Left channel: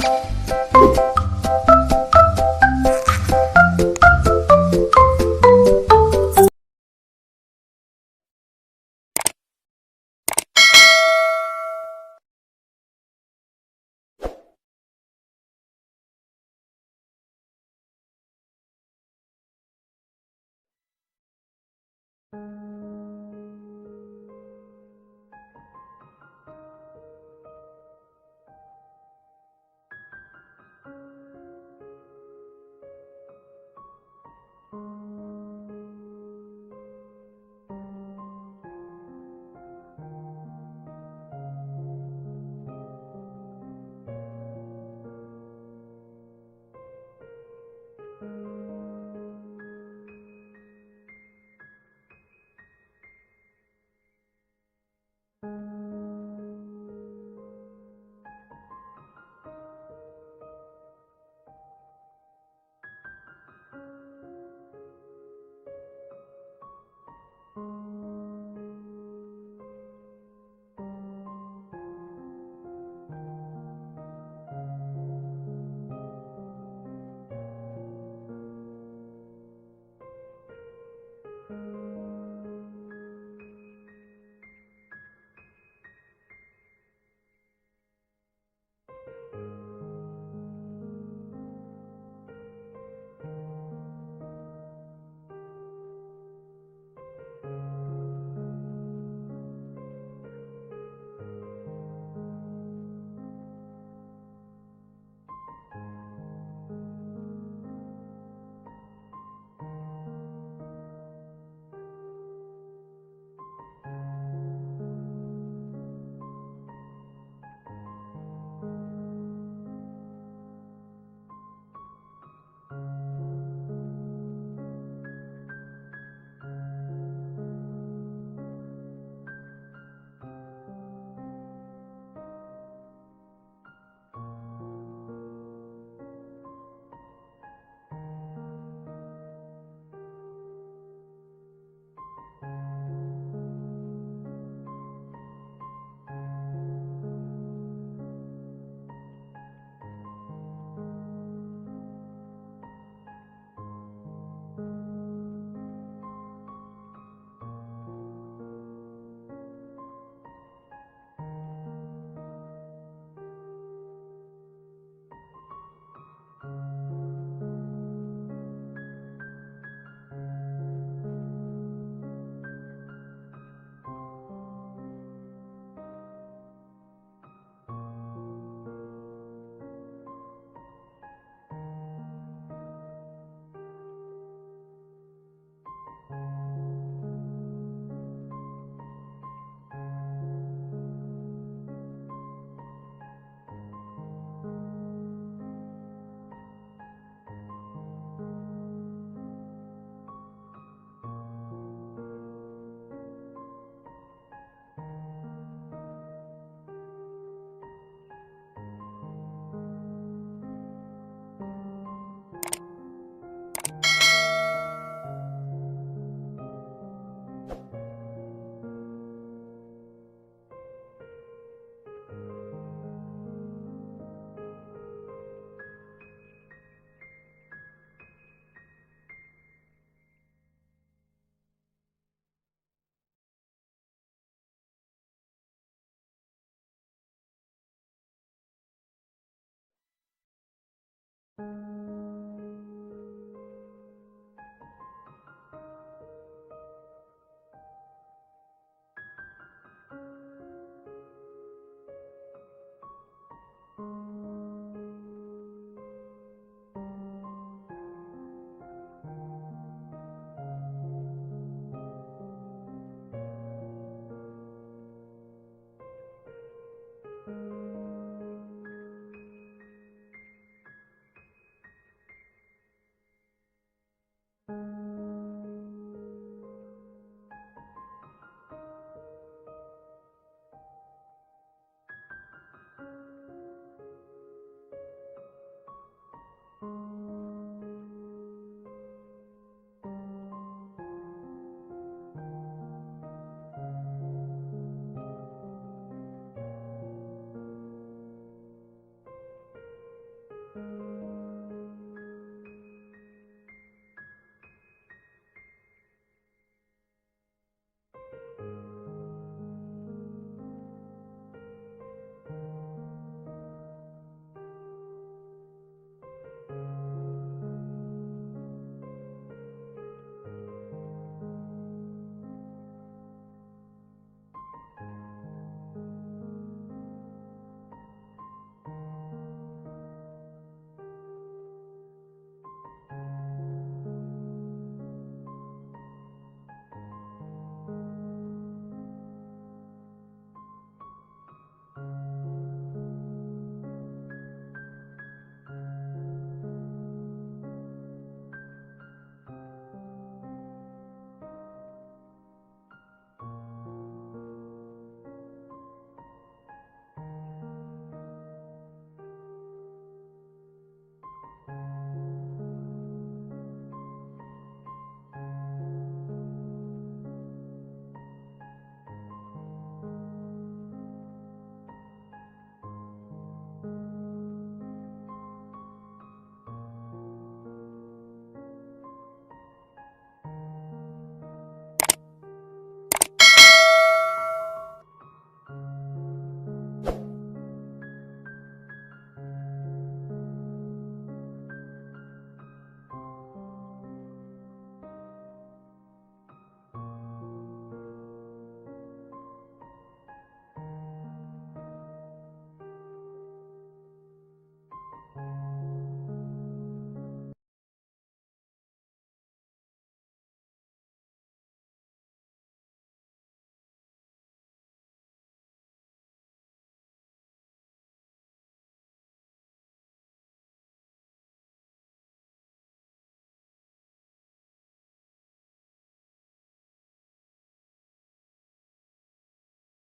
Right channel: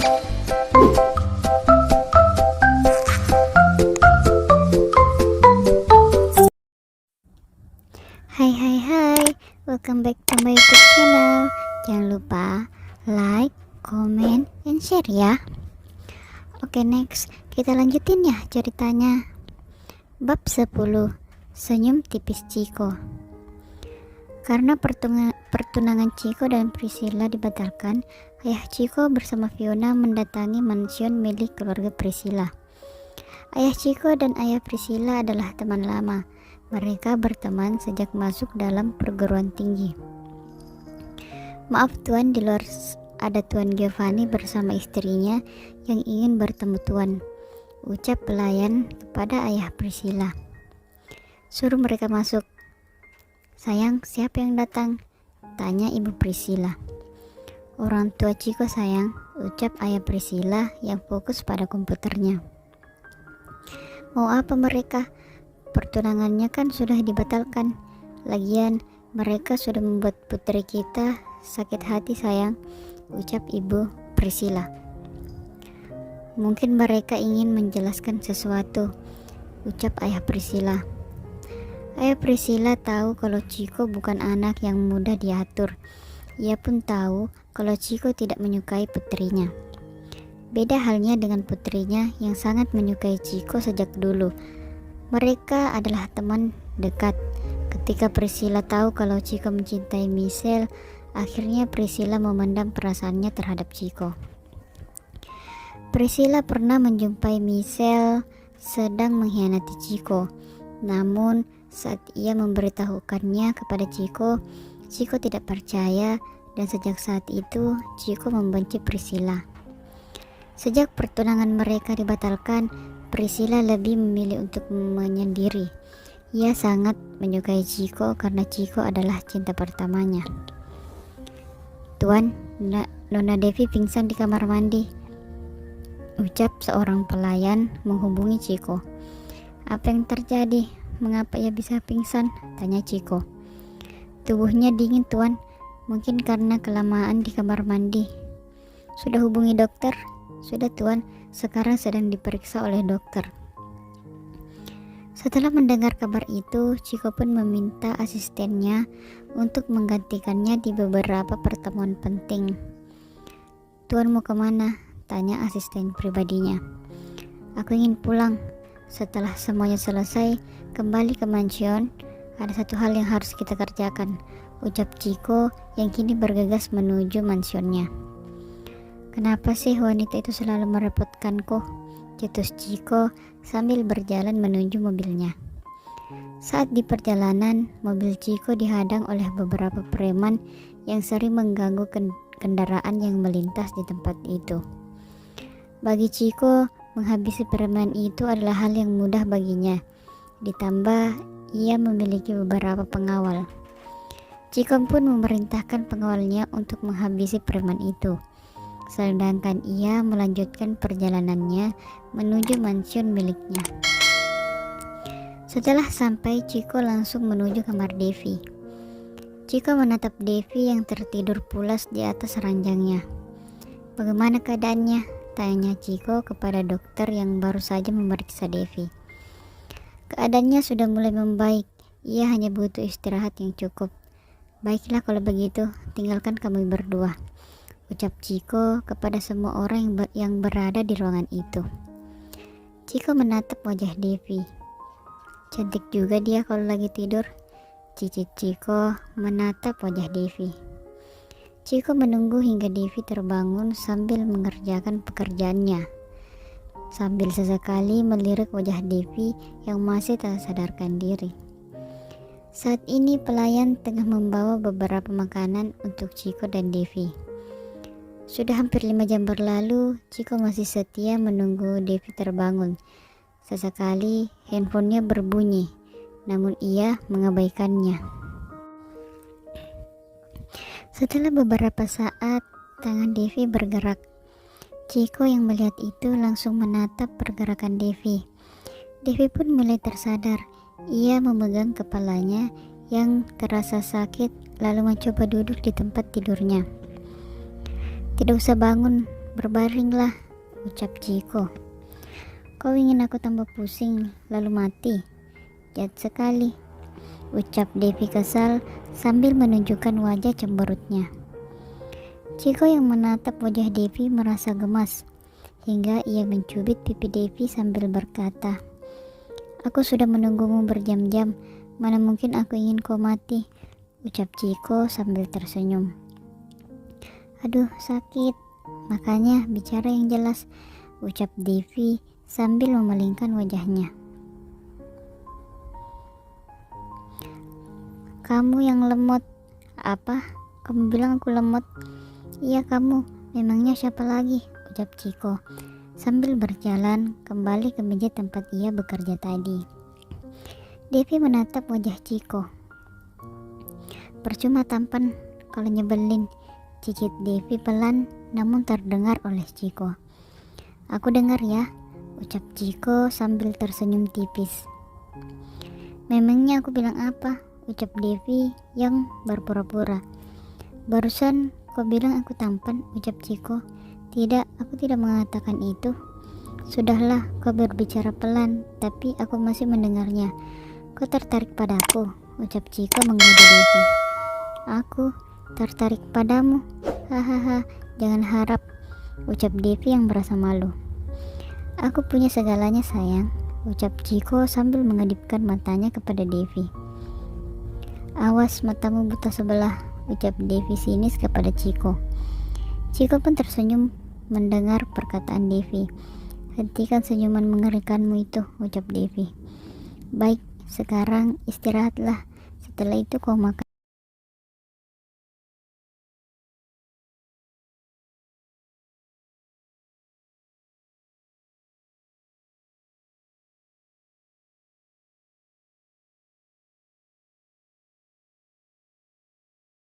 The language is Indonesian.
Hai hai hai, welcome back to my YouTube channel. Jangan lupa like, comment, and share ya. Oke, next kita lanjutin ya ceritanya. Bab 10, Senyum Tipis Chiko. Karena pertunangan Chiko dan Priscilla dibatalkan, ayah Chiko bersama Fiona mendatangi mansion milik keluarga Priscilla. Ayah Chiko dan ayah Priscilla adalah teman lama. Mereka berteman sejak masuk dalam perguruan tinggi. Maaf tuan, di luar ada Tuan Giovanni bersama istrinya yang ingin bertemu tuan, ucap pelayan kepada ayah Priscilla. Suruh mereka masuk. Sayang, siapa yang datang? Tanya ibu Priscilla. Orang tua Chiko sayang, ucap ayah Priscilla yang fokus pada komputernya. Mau apa mereka? Pertunangannya kan sudah dibatalkan. Lagian mereka sudah membuat putri kita sakit hati sayang, ucap ibu Priscilla. Mungkin mereka ingin menjelaskan sesuatu, ucap ayah Priscilla. Ayah Priscilla tahu kalau Chiko bukan anak yang mudah diatur. Ia pun tahu kalau Chiko tidak menyukai putrinya. Beda halnya dengan putrinya yang sangat menyukai Chiko sejak dulu. Mereka adalah teman dekat. Ketika Priscilla tahu kalau Chiko mencintai Michelle, akhirnya Priscilla memendam perasaannya terhadap Chiko. Priscilla pernah menjumpai Michelle sedang mengkhianati Chiko. Namun saat ia memberitahukannya kepada Chiko, Chiko tidak percaya dan sejak saat itu Chiko membenci Priscilla. Sejak pertunangan mereka dibatalkan, Priscilla lebih memilih untuk menyendiri. Ia sangat menyukai Chiko karena Chiko adalah cinta pertamanya. Tuan, Nona Devi pingsan di kamar mandi, ucap seorang pelayan menghubungi Chiko. Apa yang terjadi? Mengapa ia bisa pingsan? Tanya Chiko. Tubuhnya dingin tuan, mungkin karena kelamaan di kamar mandi. Sudah hubungi dokter? Sudah tuan, sekarang sedang diperiksa oleh dokter. Setelah mendengar kabar itu, Chiko pun meminta asistennya untuk menggantikannya di beberapa pertemuan penting. Tuan mau kemana? Tanya asisten pribadinya. Aku ingin pulang. Setelah semuanya selesai, kembali ke mansion. Ada satu hal yang harus kita kerjakan, ucap Chiko yang kini bergegas menuju mansionnya. Kenapa sih wanita itu selalu merepotkanku? Cetus Chiko sambil berjalan menuju mobilnya. Saat di perjalanan, mobil Chiko dihadang oleh beberapa preman yang sering mengganggu kendaraan yang melintas di tempat itu. Bagi Chiko, menghabisi preman itu adalah hal yang mudah baginya. Ditambah, ia memiliki beberapa pengawal. Chiko pun memerintahkan pengawalnya untuk menghabisi preman itu. Sedangkan ia melanjutkan perjalanannya menuju mansion miliknya. Setelah sampai, Chiko langsung menuju kamar Devi. Chiko menatap Devi yang tertidur pulas di atas ranjangnya. Bagaimana keadaannya? Tanya Chiko kepada dokter yang baru saja memeriksa Devi. Keadaannya sudah mulai membaik. Ia hanya butuh istirahat yang cukup. Baiklah kalau begitu, tinggalkan kami berdua, ucap Chiko kepada semua orang yang berada di ruangan itu. Chiko menatap wajah Devi. Cantik juga dia kalau lagi tidur, cicit Chiko menatap wajah Devi. Chiko menunggu hingga Devi terbangun sambil mengerjakan pekerjaannya, sambil sesekali melirik wajah Devi yang masih tak sadarkan diri. Saat ini pelayan tengah membawa beberapa makanan untuk Chiko dan Devi. Sudah hampir 5 jam berlalu, Chiko masih setia menunggu Devi terbangun. Sesekali handphonenya berbunyi, namun ia mengabaikannya. Setelah beberapa saat, tangan Devi bergerak. Chiko yang melihat itu langsung menatap pergerakan Devi. Devi pun mulai tersadar. Ia memegang kepalanya yang terasa sakit, lalu mencoba duduk di tempat tidurnya. Tidak usah bangun, Berbaringlah, ucap Ciko. Kau ingin aku tambah pusing lalu mati? Jahat sekali, ucap Devi kesal sambil menunjukkan wajah cemberutnya. Ciko yang menatap wajah Devi merasa gemas, hingga ia mencubit pipi Devi sambil berkata, "Aku sudah menunggumu berjam-jam, mana mungkin aku ingin kau mati," ucap Ciko sambil tersenyum. "Aduh, sakit, makanya bicara yang jelas," ucap Devi sambil memalingkan wajahnya. "Kamu yang lemot." "Apa? Kamu bilang aku lemot?" "Iya kamu, memangnya siapa lagi?" ucap Ciko sambil berjalan kembali ke meja tempat ia bekerja tadi. Devi menatap wajah Ciko. "Percuma tampan kalau nyebelin," cicit Devi pelan namun terdengar oleh Ciko. "Aku dengar ya," ucap Ciko sambil tersenyum tipis. "Memangnya aku bilang apa?" ucap Devi yang berpura-pura. "Barusan kau bilang aku tampan," ucap Ciko. "Tidak, aku tidak mengatakan itu." "Sudahlah, kau berbicara pelan, tapi aku masih mendengarnya. Kau tertarik padaku?" ucap Ciko menggoda Devi. "Aku tertarik padamu? Hahaha, jangan harap," ucap Devi yang merasa malu. "Aku punya segalanya sayang," ucap Ciko sambil mengedipkan matanya kepada Devi. "Awas matamu buta sebelah," ucap Devi sinis kepada Ciko. Ciko pun tersenyum mendengar perkataan Devi. "Hentikan senyuman mengerikanmu itu," ucap Devi. "Baik, sekarang istirahatlah. Setelah itu kau makan."